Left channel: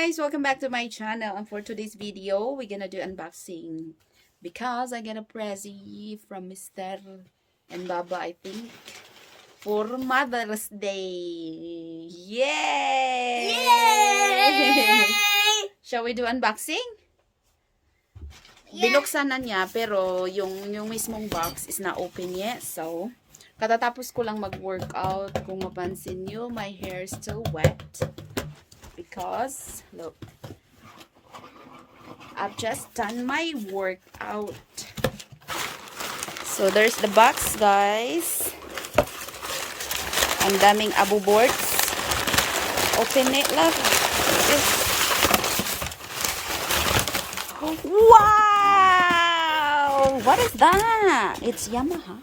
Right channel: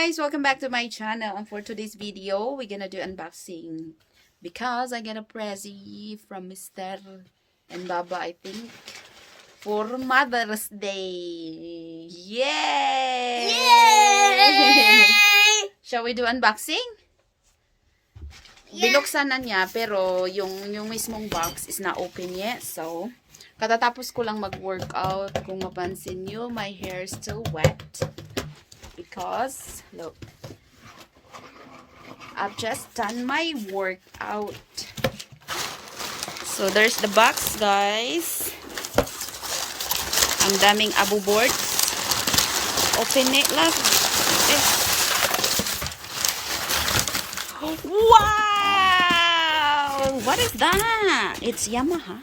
guys, welcome back to my channel, and for today's video we're gonna do unboxing because I got a Pressie from Mr. and Baba, I think, for Mother's Day. Yay! Yay! Shall we do unboxing? Yeah. Binuksan na niya pero yung mismong box is not open yet, so katatapos ko lang mag-workout. Kung mapansin nyo, my hair is still wet because, look, I've just done my workout. So, there's the box, guys. Ang daming abo boards. Open it, love. Wow! What is that? It's Yamaha.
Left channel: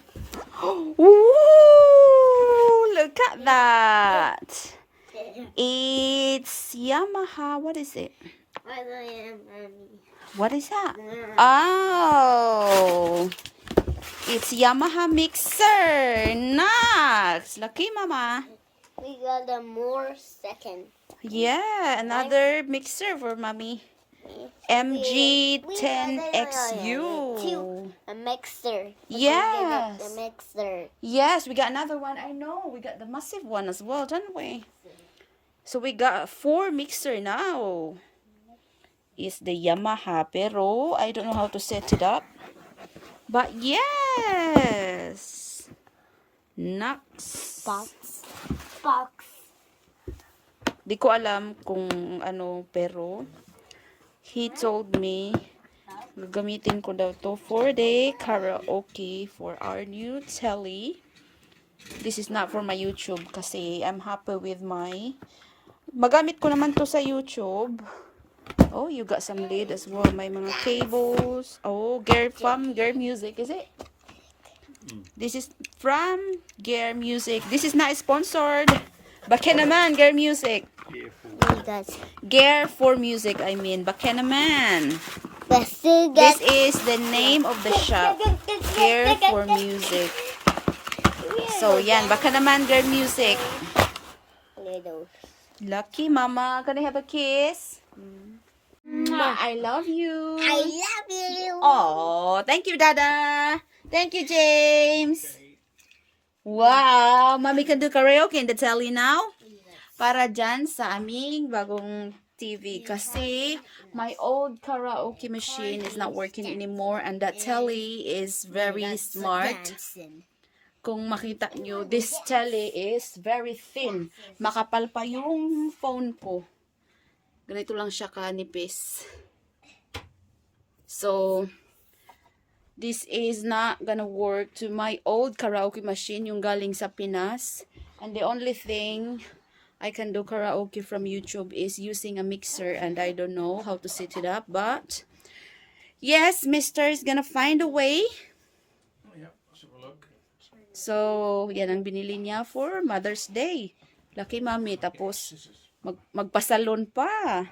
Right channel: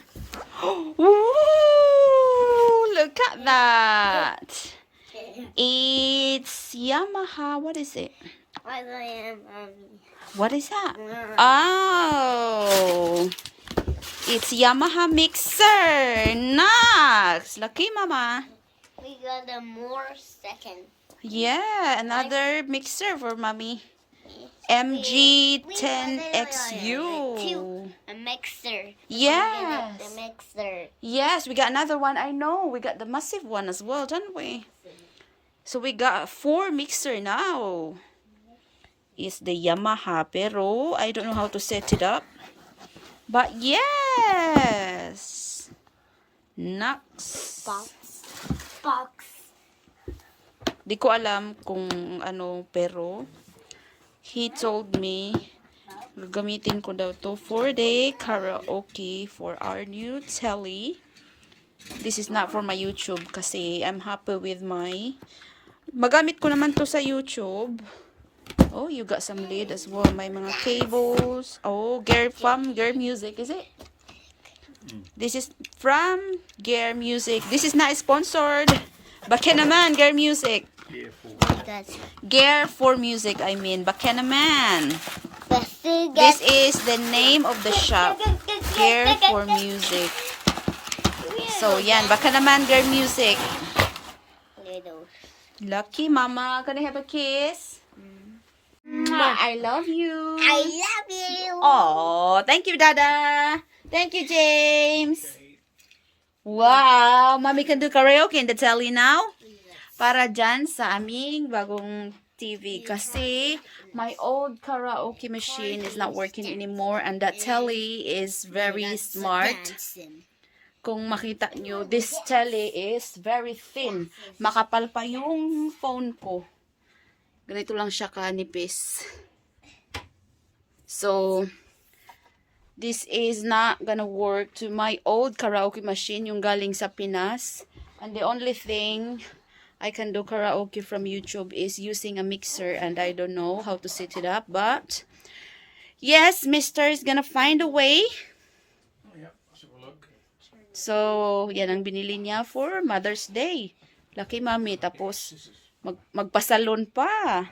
Ooh, look at that. It's Yamaha. What is it? What is that? Oh, it's Yamaha mixer. Nice. Lucky mama. We got a more second. Yeah, another mixer for mommy. MG10XU. A mixer. Yes. The mixer. Yes, we got another one. I know. We got the massive one as well, don't we? So we got 4 mixer now. It's the Yamaha, pero I don't know how to set it up. But yes. Nuts. Box. Di ko alam kung ano, pero he told me gagamitin ko daw to for the karaoke for our new telly. This is not for my YouTube kasi I'm happy with my... Magamit ko naman to sa YouTube. Oh, you got some lid as well. May mga cables. Oh, from Gear Music, is it? This is from Gear Music. This is not sponsored. Baka naman, Gear Music. Gear for Music, I mean. Baka naman. This is the name of the shop. Gear for Music. So, yan. Baka naman, Gear Music. Lucky mama. Can I have a kiss? I love you. I love you. Oh, thank you, Dada. Thank you, James. Wow, mommy can do karaoke in the telly now. Para dyan sa aming bagong TV. Kasi my old karaoke machine is not working anymore, and that telly is very smart. Kung makita nyo, this telly is very thin. Makapal pa yung phone ko. Ganito lang siya kanipis. So, this is not gonna work to my old karaoke machine, yung galing sa Pinas. And the only thing I can do karaoke from YouTube is using a mixer, and I don't know how to set it up. But, yes, Mr. is gonna find a way. So, yan ang binili niya for Mother's Day. Lucky mommy. Tapos, magpasalon pa.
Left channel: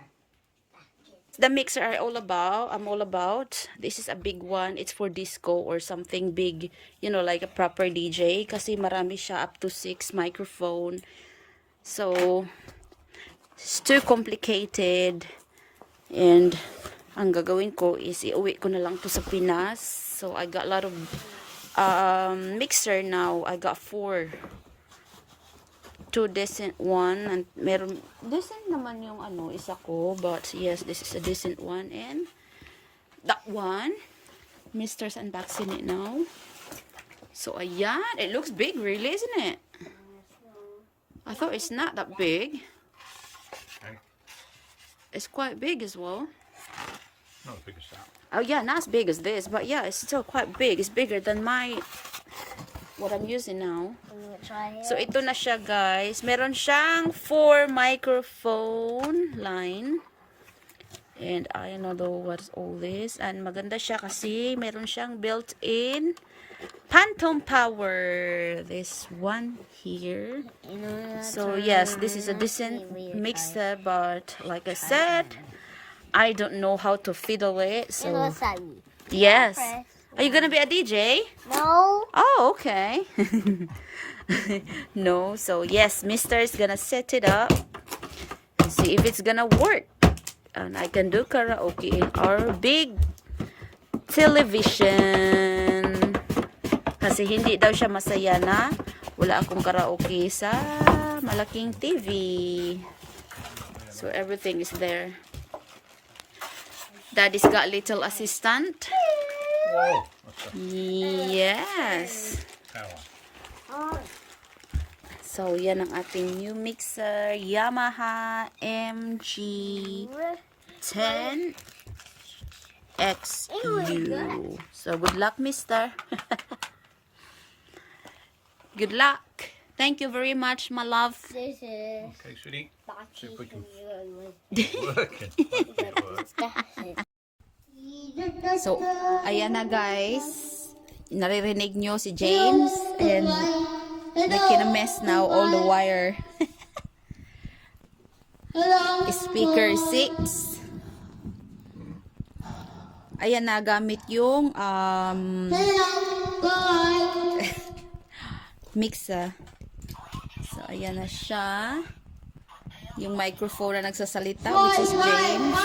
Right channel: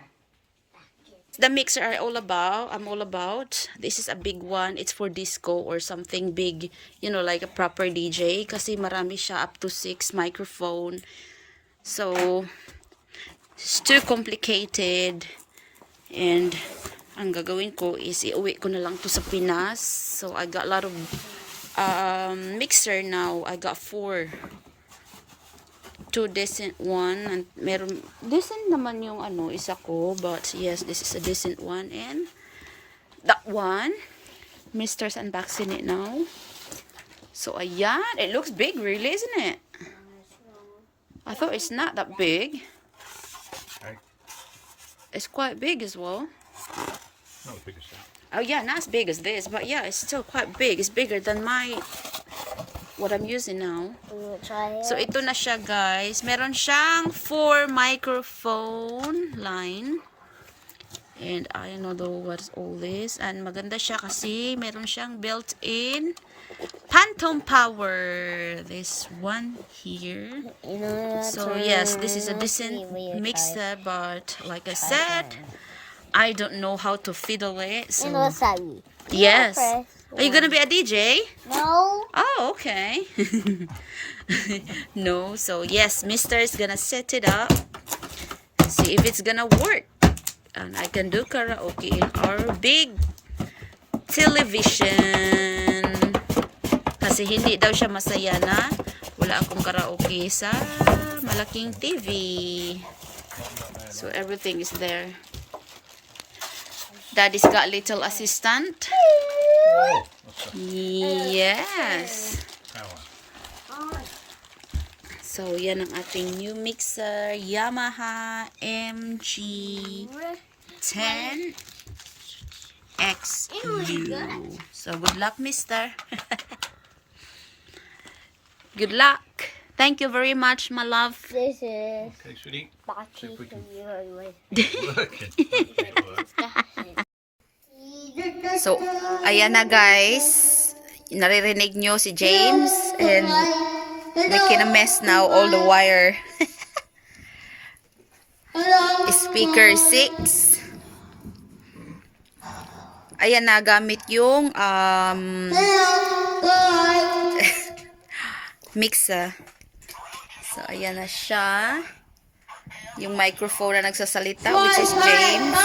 The mixer I'm all about. This is a big one. It's for disco or something big. You know, like a proper DJ. Kasi marami siya, up to 6 microphone. So, it's too complicated. And, ang gagawin ko is, iuwi ko na lang to sa Pinas. So, I got a lot of mixer now. I got 4. 2 decent one, and meron decent naman yung ano isa ko, but yes, this is a decent one. And that one, Mr's unboxing it now. So ayan, it looks big really, isn't it? I thought it's not that big. It's quite big as well. Not as big as that. Oh yeah, not as big as this, but yeah, it's still quite big. It's bigger than what I'm using now. So ito na siya, guys. Meron siyang 4 microphone line. And I don't know what's all this. And maganda siya kasi meron siyang built-in phantom power. This one here. So yes, this is a decent mixer, but like I said, I don't know how to fiddle it. So yes. Are you gonna be a DJ? No. Oh, okay. No, so yes, Mr. is gonna set it up. See if it's gonna work. And I can do karaoke in our big television. Kasi hindi daw siya masaya na wala akong karaoke sa malaking TV. So everything is there. Daddy's got little assistant. Whoa. Yes. Power. So yan ang ating new mixer, Yamaha MG10XU. So good luck, mister. Good luck. Thank you very much, my love. This is Okay, sweetie. See if we can work. work it. Make it work. So, ayan na guys. Naririnig nyo si James and making a mess now, all the wire. Speaker 6. Ayan na, gamit yung mixer. So, ayan na siya. Yung microphone na nagsasalita, which is James.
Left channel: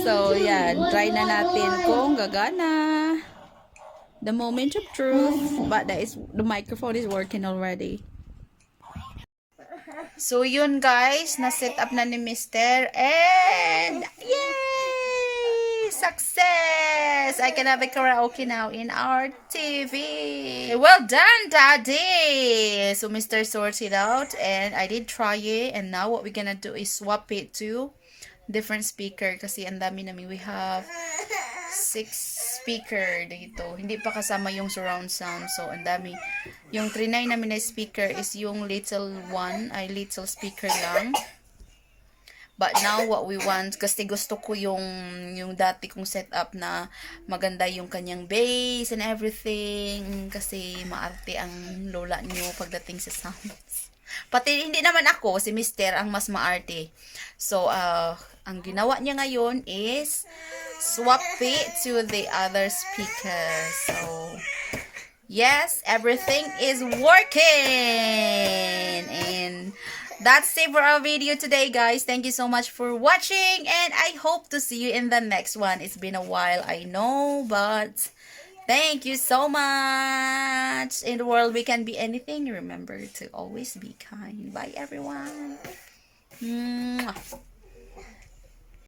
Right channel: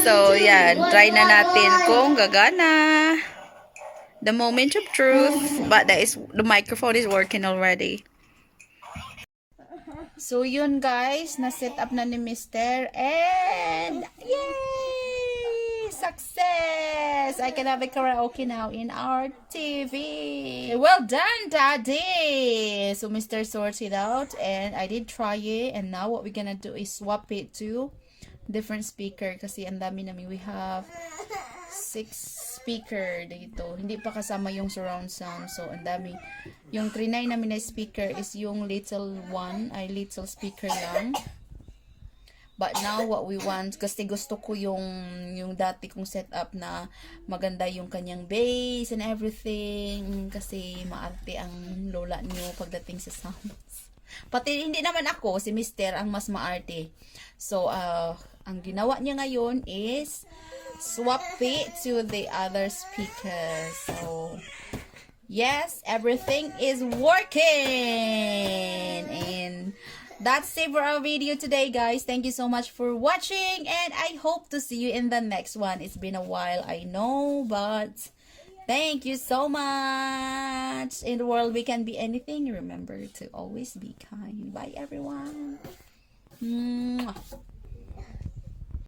So, yan. Try na natin kung gagana. The moment of truth. But the microphone is working already. So, yun guys. Na-set up na ni Mr. And, yay! Success! I can have a karaoke now in our TV. Well done, Daddy! So, Mr. sorts it out. And I did try it. And now what we're gonna do is swap it to different speaker kasi ang dami namin. We have 6 speaker dito. Hindi pa kasama yung surround sound. So, ang dami. Yung 39 namin na speaker is yung little one. Ay, little speaker lang. But now, what we want, kasi gusto ko yung dati kong setup na maganda yung kanyang bass and everything. Kasi maarte ang lola nyo pagdating sa sounds. Pati hindi naman ako, si Mister ang mas maarte. So, ang ginawa niya ngayon is swap it to the other speaker. So, yes, everything is working. And that's it for our video today, guys. Thank you so much for watching. And I hope to see you in the next one. It's been a while, I know, but thank you so much. In the world, we can be anything. Remember to always be kind. Bye, everyone. Mwah.